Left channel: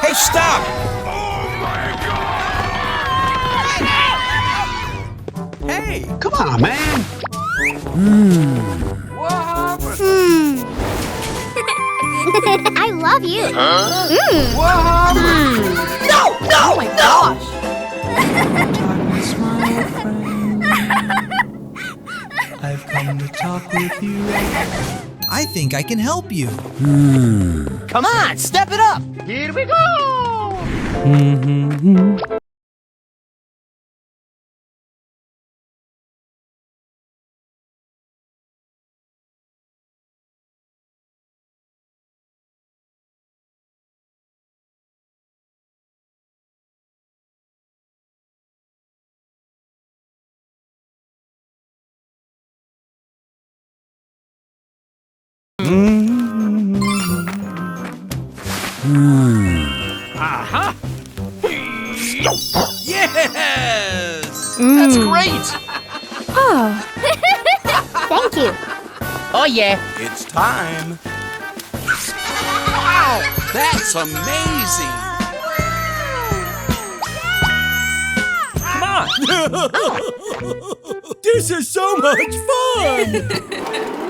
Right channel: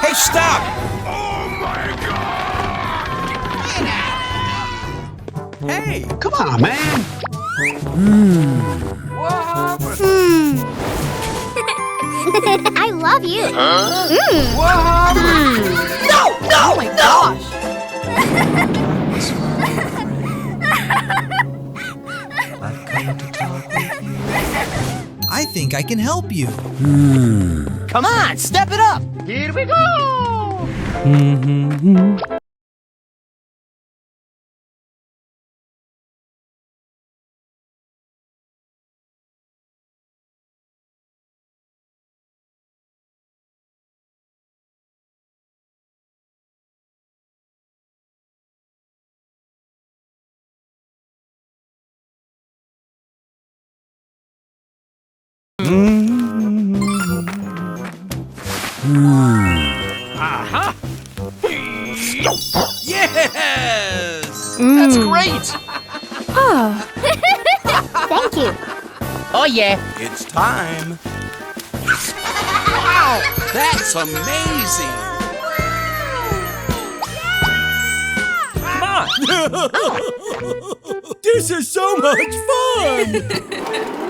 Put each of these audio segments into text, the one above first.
Hey, stop! Hey, Come on, man. I love you. No! Oh my gosh! I've come to talk with you. I think I can help you. Come on, step it up. Here we go! Aha! Yes! That's great. Thank you. Oh yeah. It's time. Wow! That's amazing! Come on! This is so much fun!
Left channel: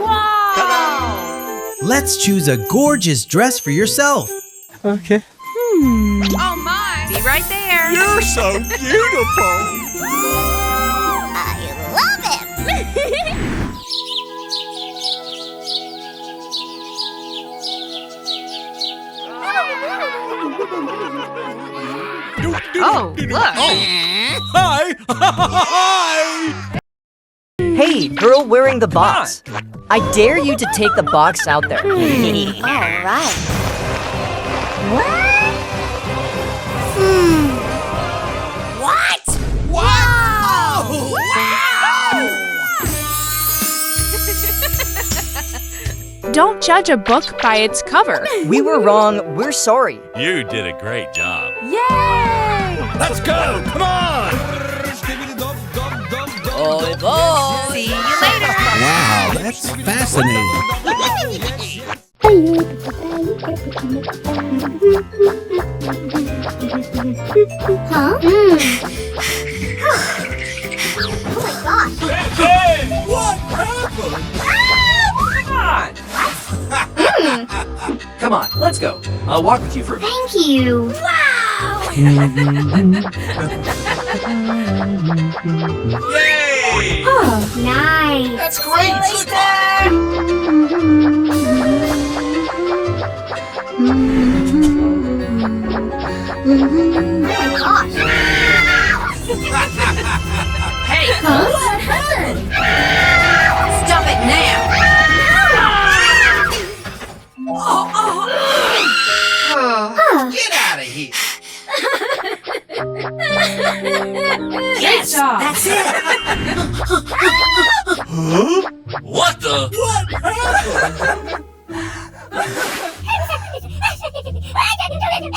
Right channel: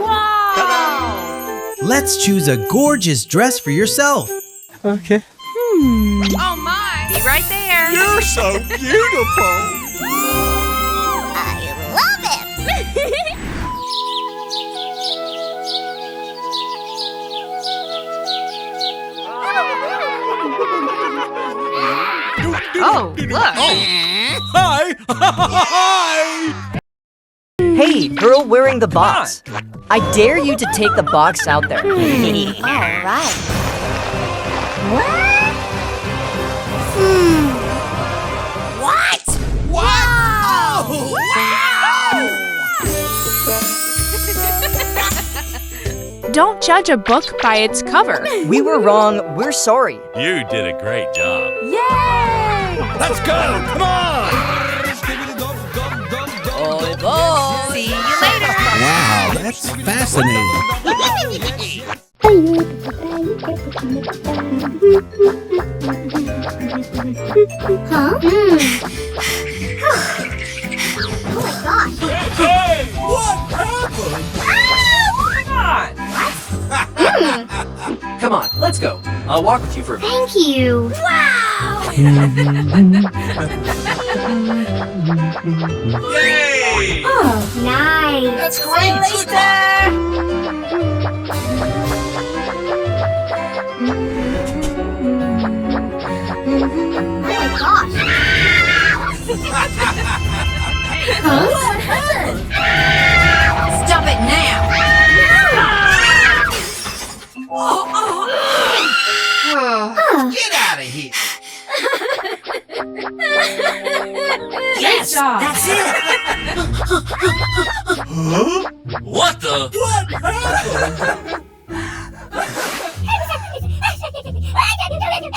Wow! Let's choose a gorgeous dress for yourself. Okay. Oh my! Be right there. You're so beautiful! I love it. Oh, look. Hi! Hi! Hey, girl wearing the box. I dare you to take the box out there. All right. What? What? What? Oh, Don't judge a book by its cover. We were wrong. We're sorry. You did a great job. Yay! Let's go! Come on! See you later. Wow, that's fascinating. Huh? Oh my gosh. What happened? Come on, let's go. I'll walk with you for a bit. Thank you. Wow. Yay! Oh, nice. That's great! Oh my gosh. Hey, Huh? What happened? stop it now. Get out of here! Yes, that's it. Huh? What the? What happened?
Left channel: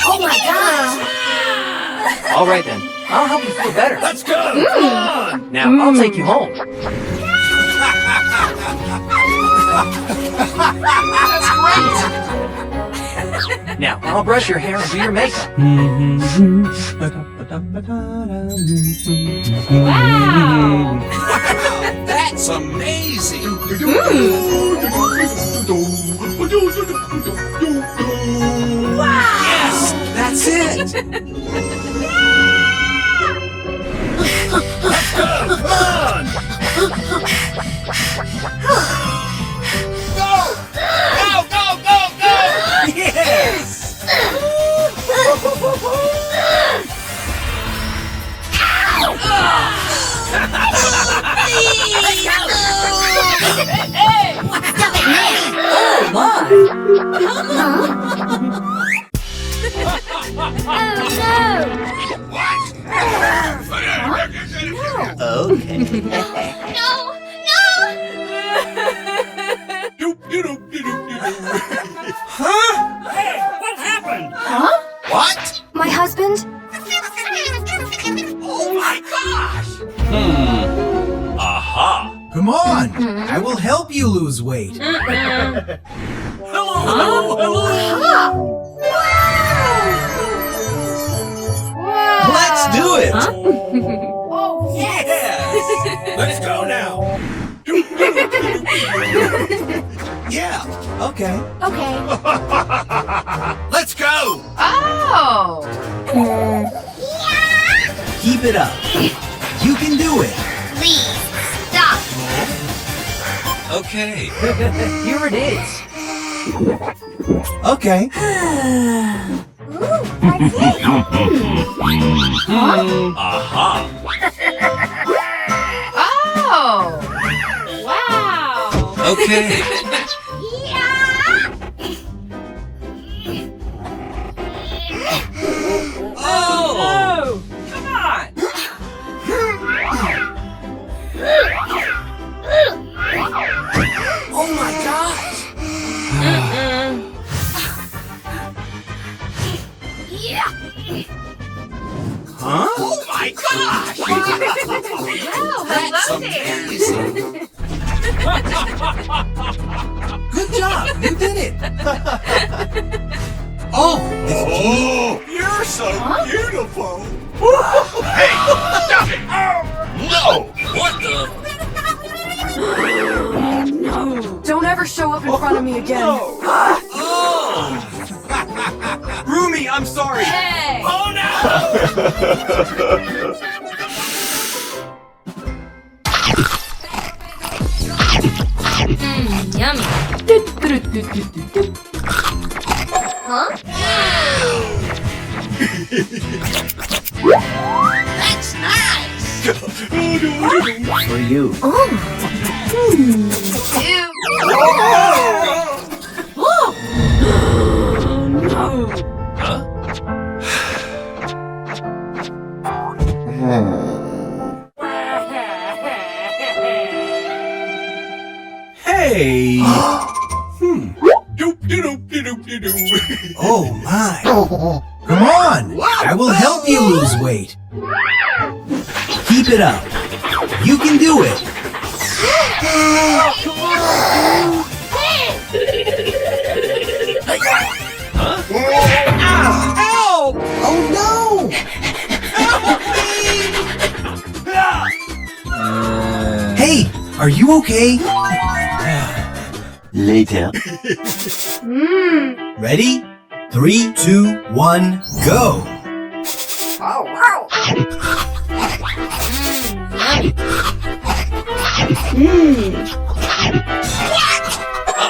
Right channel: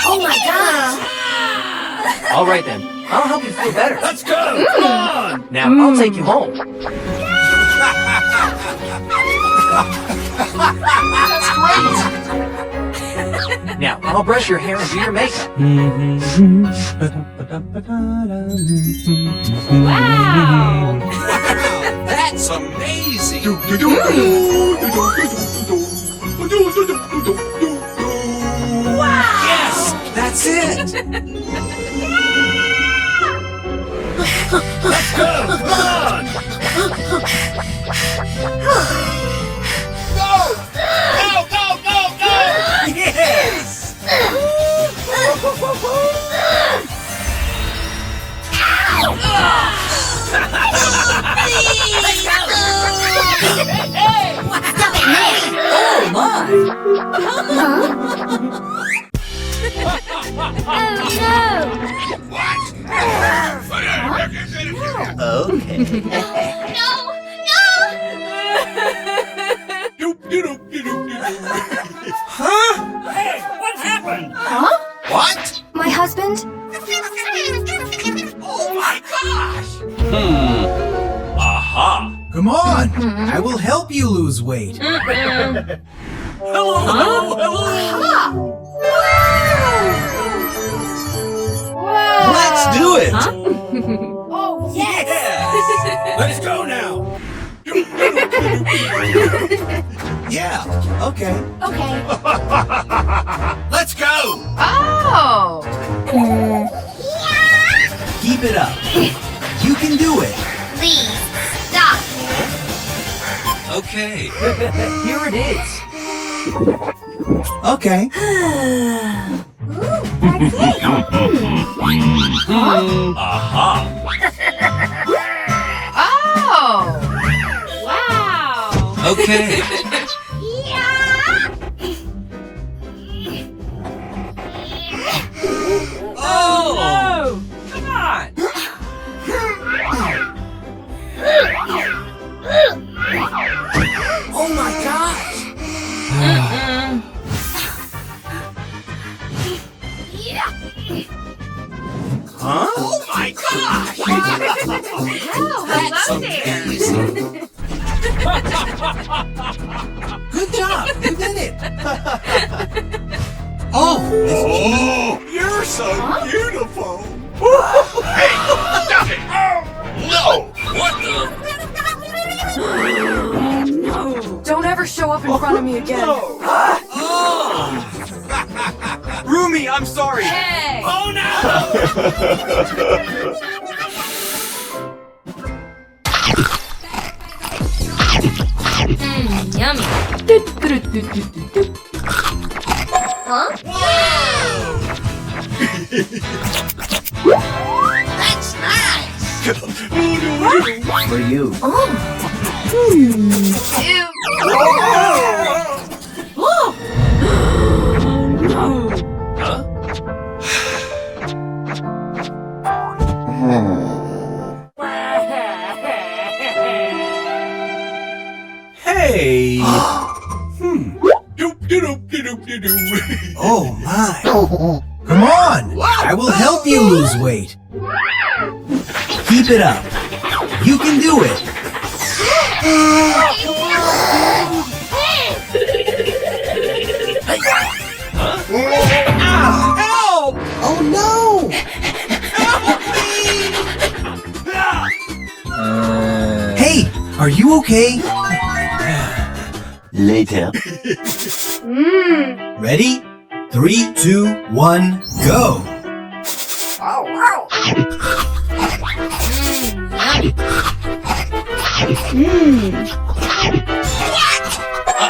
Oh my gosh. All right then. I'll help you feel better. Let's go! Come on! Now I'll take you home. That's great! Now I'll brush your hair and do your makeup. Wow! That's amazing! Yes! That's it! Let's go! Come on! Go! Go, go, go, go! Yes! Oh my! Oh no. Okay. No. Huh? Hey, what happened? Huh? What? My husband? Oh my gosh! Come on, I will help you lose weight. Let's do it. Oh, yes. Let's go now. Yeah, okay. Okay. Let's go. Oh! Keep it up. You can do it. Please, stop. Okay. Here it is. Okay. Ooh, that's it. Aha. Oh! Wow. Okay. Oh! Come on! Oh my gosh. Huh? Oh my gosh. Good job. You did it. Oh, You're so beautiful. Hey, stop it! No. What the? No! Don't ever show up in front of me again. Rumi, I'm sorry. Hey! Oh no. Yummy. Huh? That's nice. For you. Hey. Oh my. Come on. I will help you lose weight. Keep it up. You can do it. Ow! Oh no! Hey, are you okay? Later. Ready? 3, 2, 1, go!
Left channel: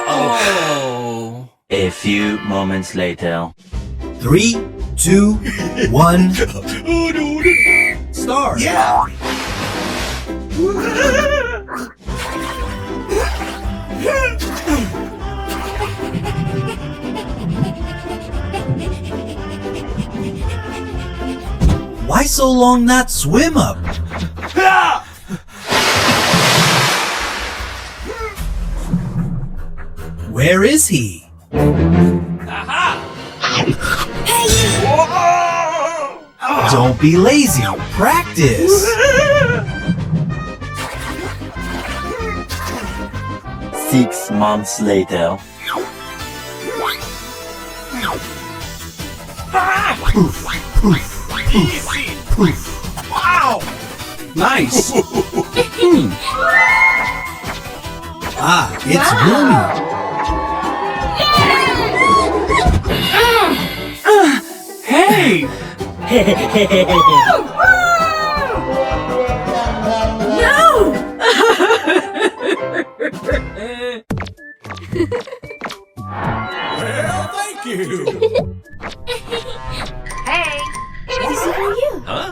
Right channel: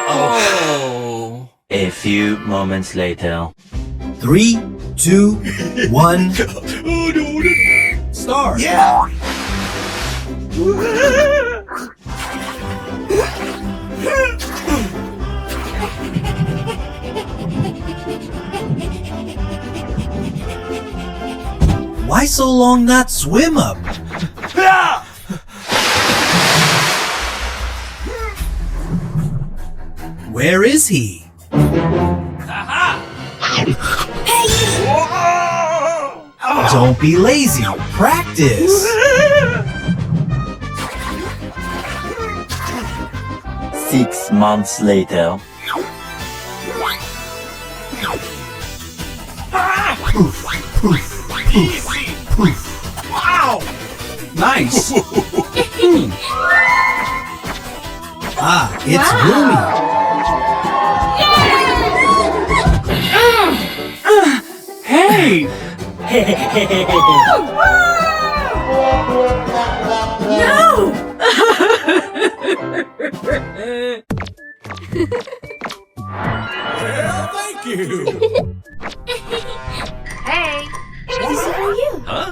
Oh. A few moments later. 3, 2, 1, start! Yeah! Why so long that swim up? Where is he? Don't be lazy. Practice. 6 months later. Wow! Nice. Ah, it's Rumi. Hey! Well, thank you. Hey. This is for you. Huh?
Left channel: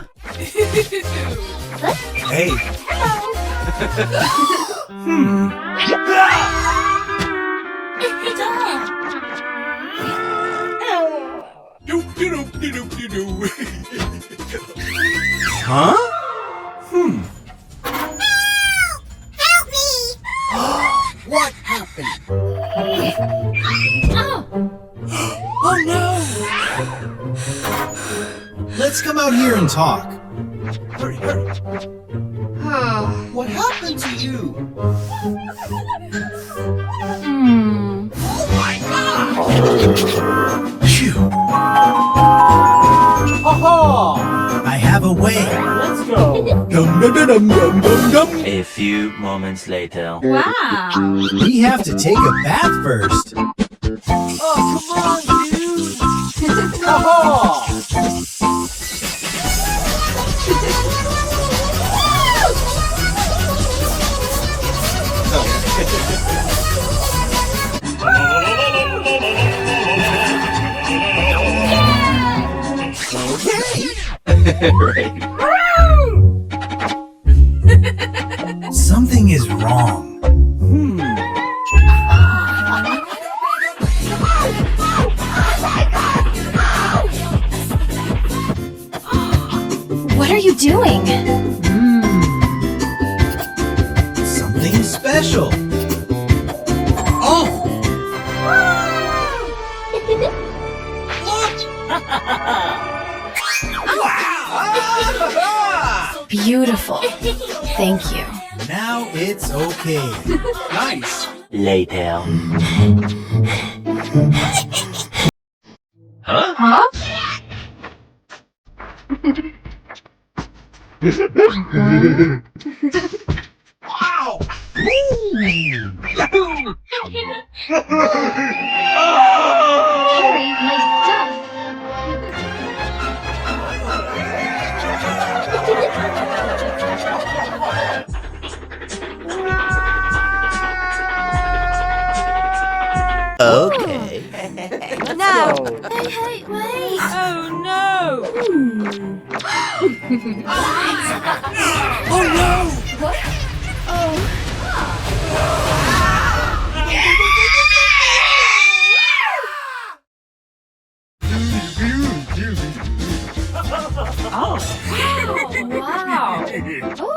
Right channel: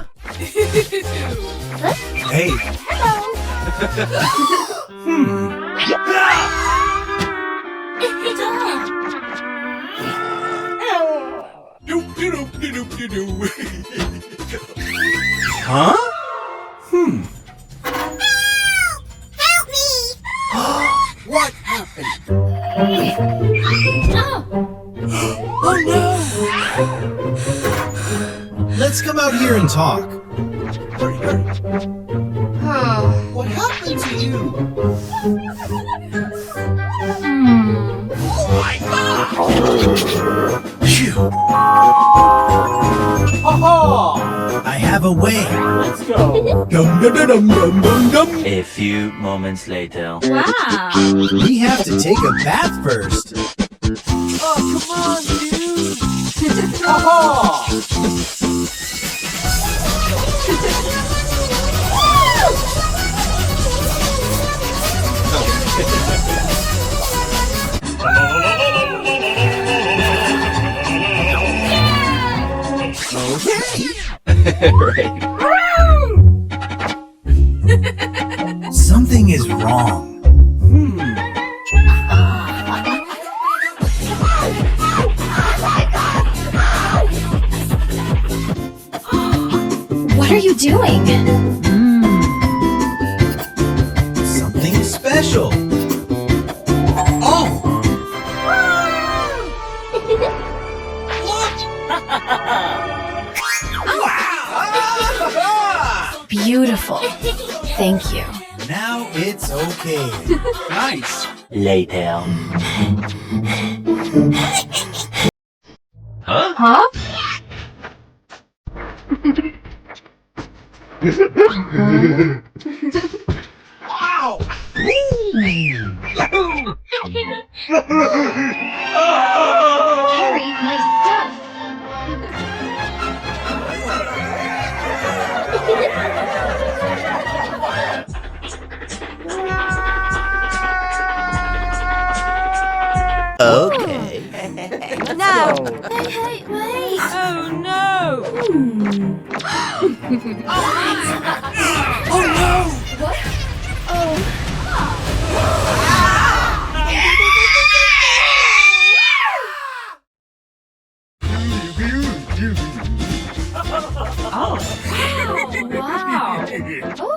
Hey, huh? Help me! What happened? Oh no! Let's come out here and talk. Hurry, hurry. What happened to you? Phew. I have a way. Let's go. A few moments later. Wow. We have to take a bath first. Oh, come on, dude. Haha. Something is wrong. What are you doing? Something special. Oh! Beautiful. Thank you. Now it's okay. Nice. Later. Huh? Wow. Harry, nice stuff. Okay. No! Hey, wait. Oh no! Oh no! What? Oh. Wow. Oh.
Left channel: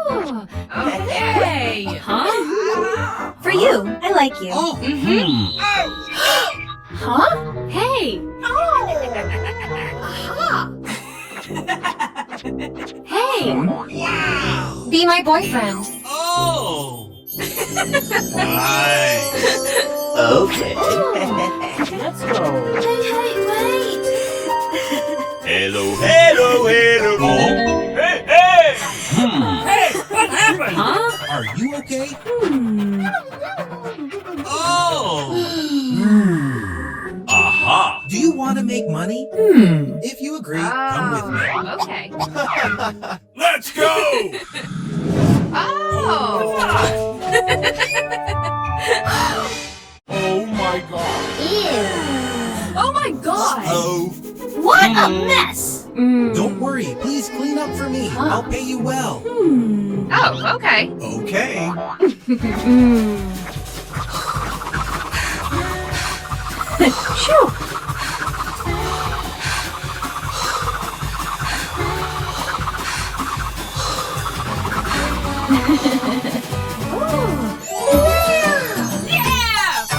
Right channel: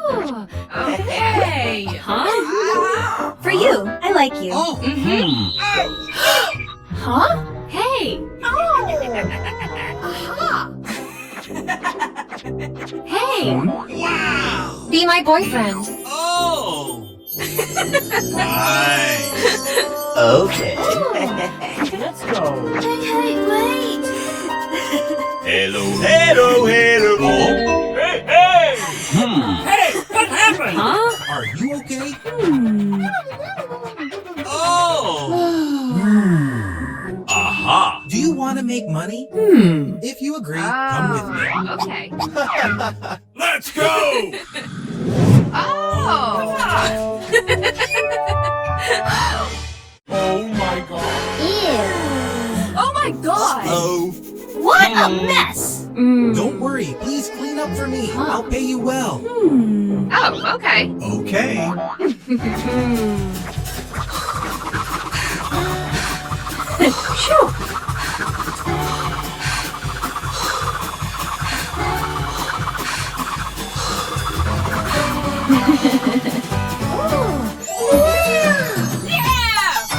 Okay. Huh? For you. I like you. Oh! Huh? Hey. Hey. Wow! Be my boyfriend. Oh! Nice! Okay. Let's go. Hey, wait. Hello, hello, hello! Hey, hey! Hey, what happened? Huh? Are you okay? Oh! Aha! Do you want to make money? If you agree, come with me. Okay. Let's go! Oh! Oh my god. Oh my god. Oh, What a mess. don't worry. Please clean up for me. I'll pay you well. Oh, okay. Okay.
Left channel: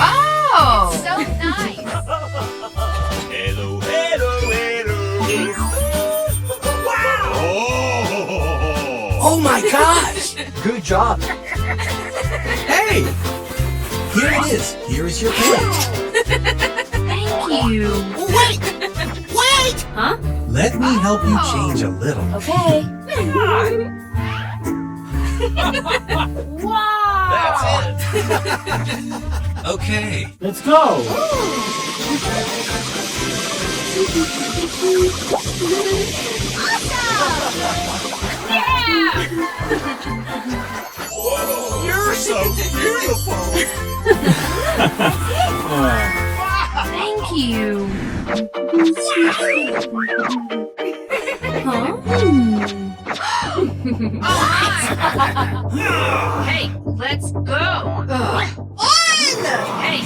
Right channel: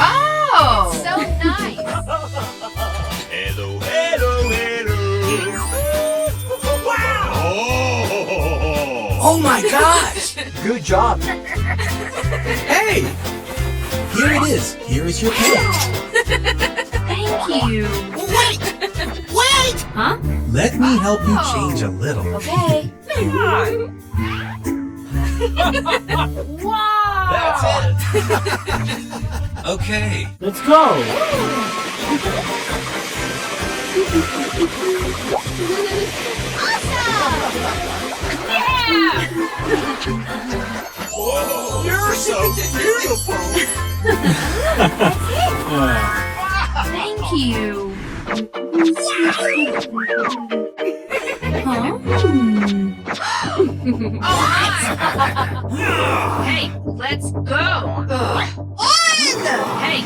Oh! So nice. Hello, hello, hello! Wow! Oh! Oh my gosh! Good job. Hey! Here it is. Here is your pay. Thank you. Wait. Huh? Let me help you change a little. Okay. Come on. Wow. That's it! Okay. Let's go. You're so beautiful! Thank you. Hey, let's go. Hey.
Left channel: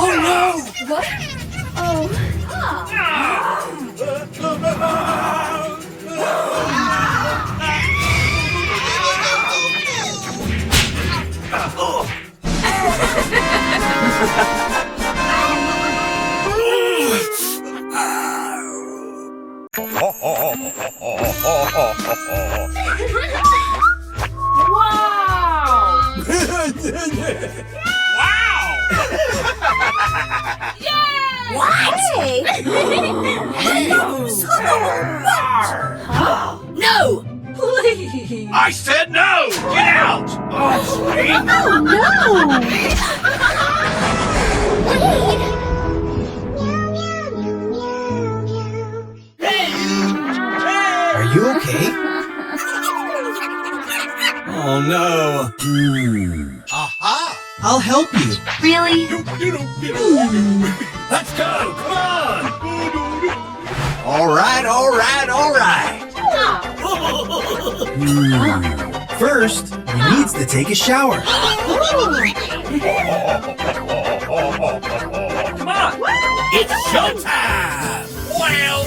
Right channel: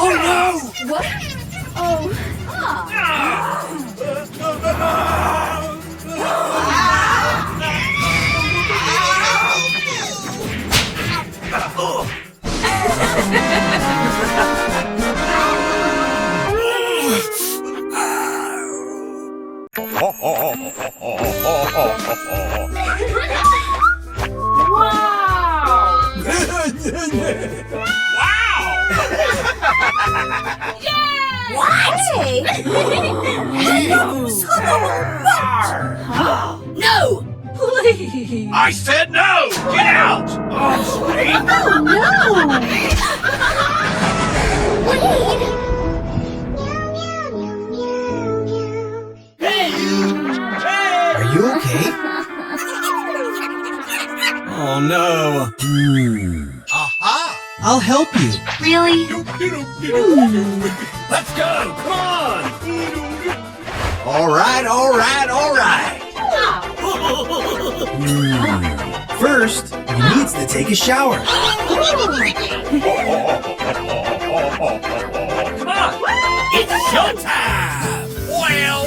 Oh no! What? Oh. No! Please! I said no! Get out! Oh, sweet! Oh, no! Are you okay? Oh no. Aha! I'll help you. Really? Let's go! Come on! All right. First, he needs to take a shower. Come on! It's showtime! Well,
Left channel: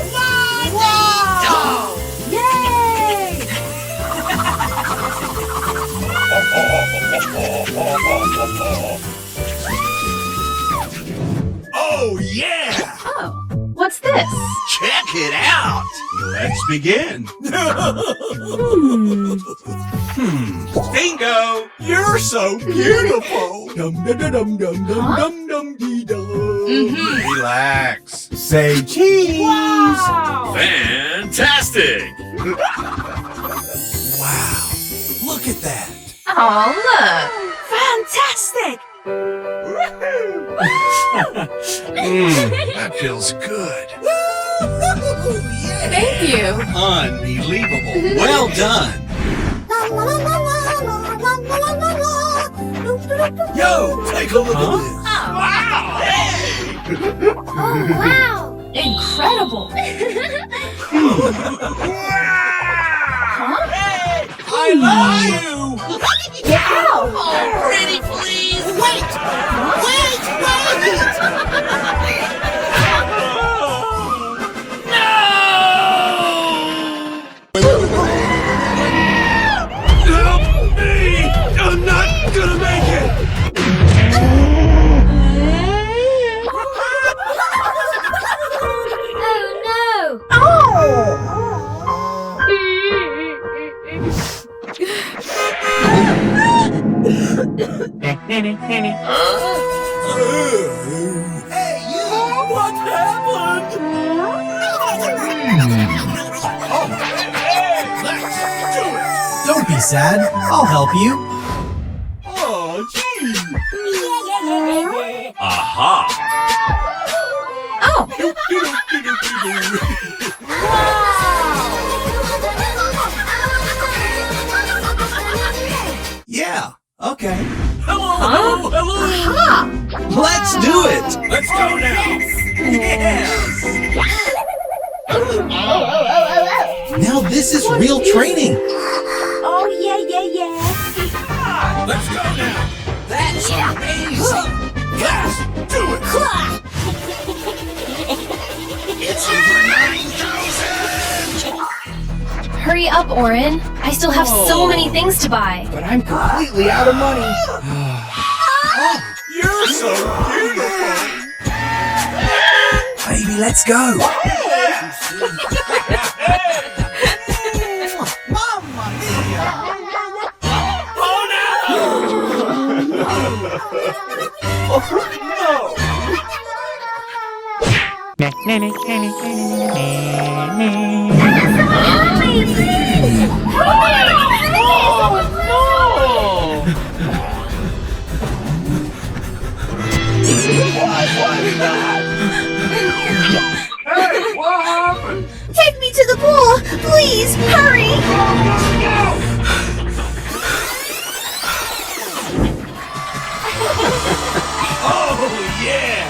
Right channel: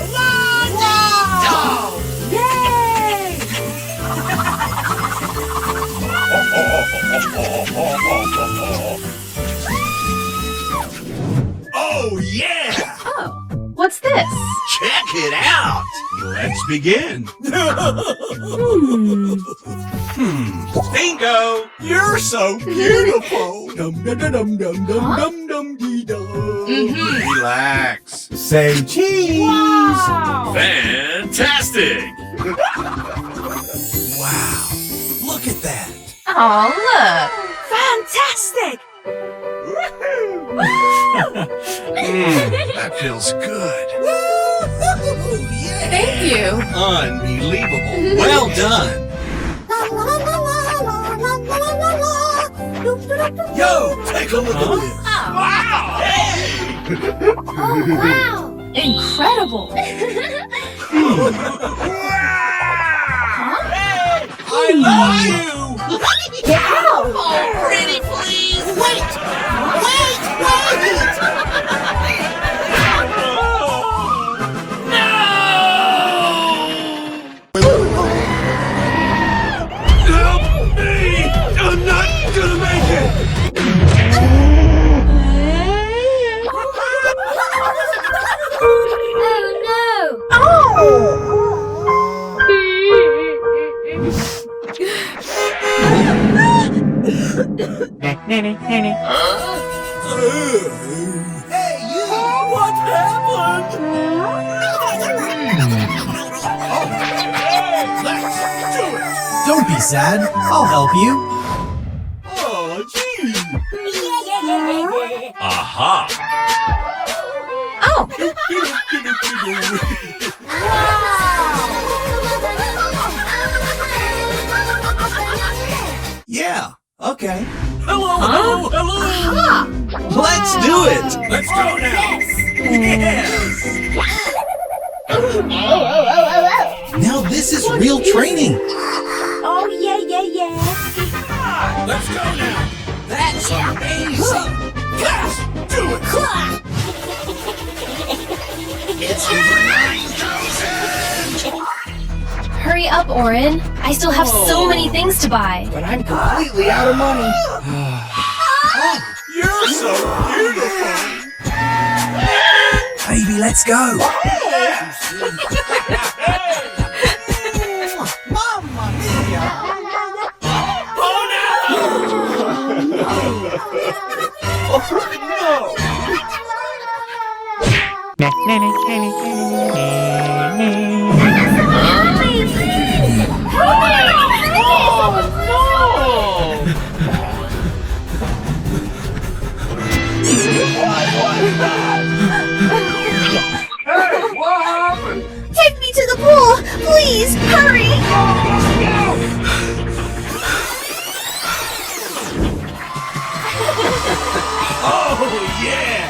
oh, yeah! Oh, what's this? Check it out! Let's begin. Bingo! You're so beautiful. Dum dum dum dum dum dum dum dee dum. Relax. Say cheese. Fantastic! Wow. Look at that. Oh, look. Fantastic! That feels good. Thank you. Unbelievable. Well done. Yo, take a look at this. Wow! Wow! Incredible. I love you! Oh, pretty please! Wait! Help me! I'm not gonna make it! Hey, you! What happened? Let's do it! Don't be sad. I'll help you. Oh, gee. Aha! Oh, Yeah. Okay. Hello! Let's do it. Let's go now! Now this is real training. Oh, yeah. Let's go now! That's amazing. Let's do it! It's over 9,000! hurry up, Orin. I still have so many things to buy. But I'm completely out of money. You're so beautiful! Baby, let's go. Mamma mia! Take me to the pool! Please, hurry! Oh, yeah!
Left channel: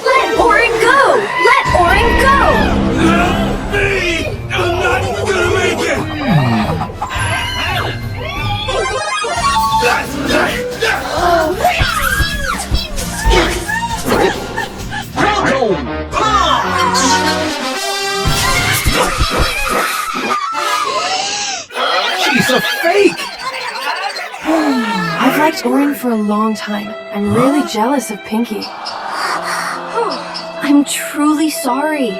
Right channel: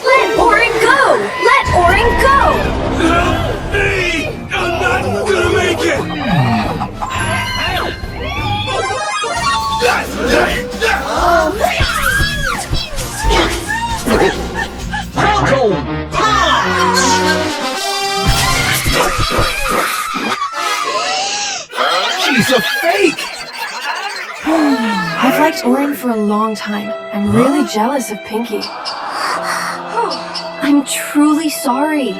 Let Orin go! Let Orin go! Help me! I'm not gonna make it! She's a fake. I've liked Orin for a long time. I'm really jealous of Pinki. I I'm truly sorry.